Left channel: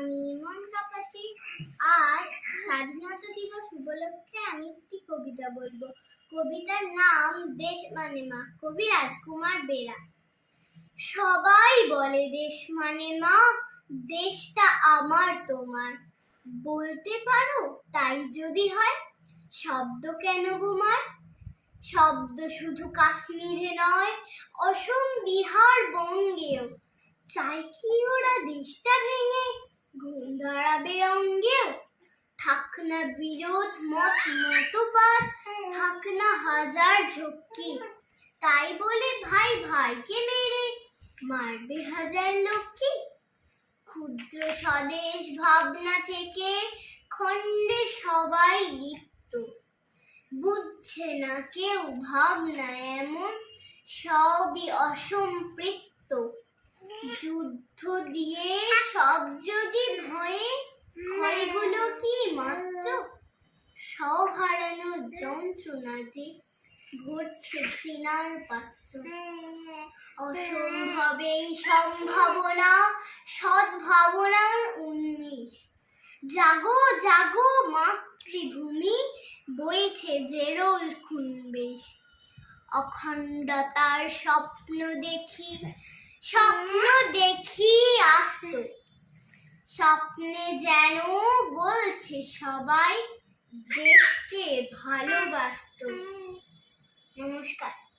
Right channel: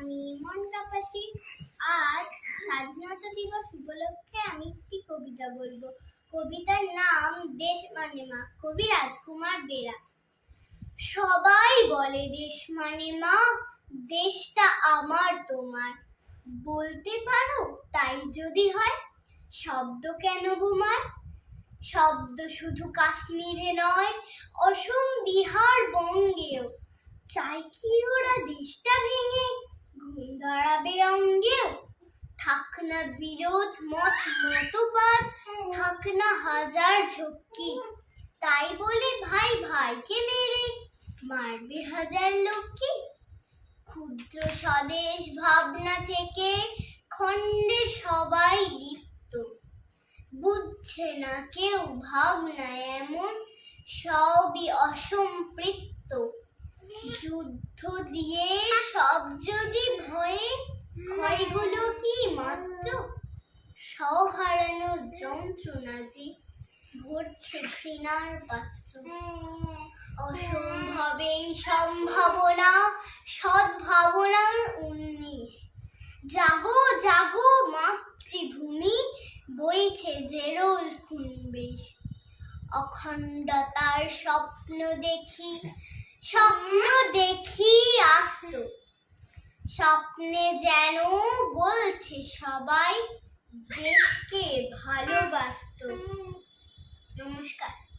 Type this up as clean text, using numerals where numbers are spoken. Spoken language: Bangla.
আমি মন কাপাসি। আজ স্বাধীনতা দিবস উপলক্ষে আমি একটি কবিতা বলবো। কবিতার নাম দেশ মানে মা, কবি রাজকুমার বেরা। সবাই বলে দেশ মানে মা, দেশটা আমার তোমার। বলতে পারো তাই যদি হয়, শব্দ কেন বোমার? শব্দ শুধু কাশ্মীরে নয়, অসম বিহার বঙ্গেও। চাই কি ওরা দেশটা ভেঙে ঘুম ধরাবে অঙ্গেও? থাক না বিরোধ মতবাদ, থাক না হাজার ঝক্কি। তাই বলে ভাই ভাইকে মেরে মারবে হাজার লোককে? ক্ষুদ্র স্বদেশ ভাবনা থেকে খণ্ডে সবাই লিপ্ত। বুঝছে না কেউ ভাবনা এমন, সবই অসম্পৃক্ত। যুদ্ধ দিয়ে সব যদি ভয়ে, ক্ষয়গুলো কি মাত্র? সব হারানোর যন্ত্রণা যে ভরছে ঘৃণার পাত্র। অসম্ভবেই সম্ভাবনা, সদ্ভাবনার উন্মেষ। জাগো জাগো মাতৃভূমি, বইছে যে রোজ খুনবেশ। অখণ্ডতার স্বপ্ন দেখি আস্ত। স্বপ্নে যেন বলছে সবাই দেশকে ভালোবাসতো। নমস্কার।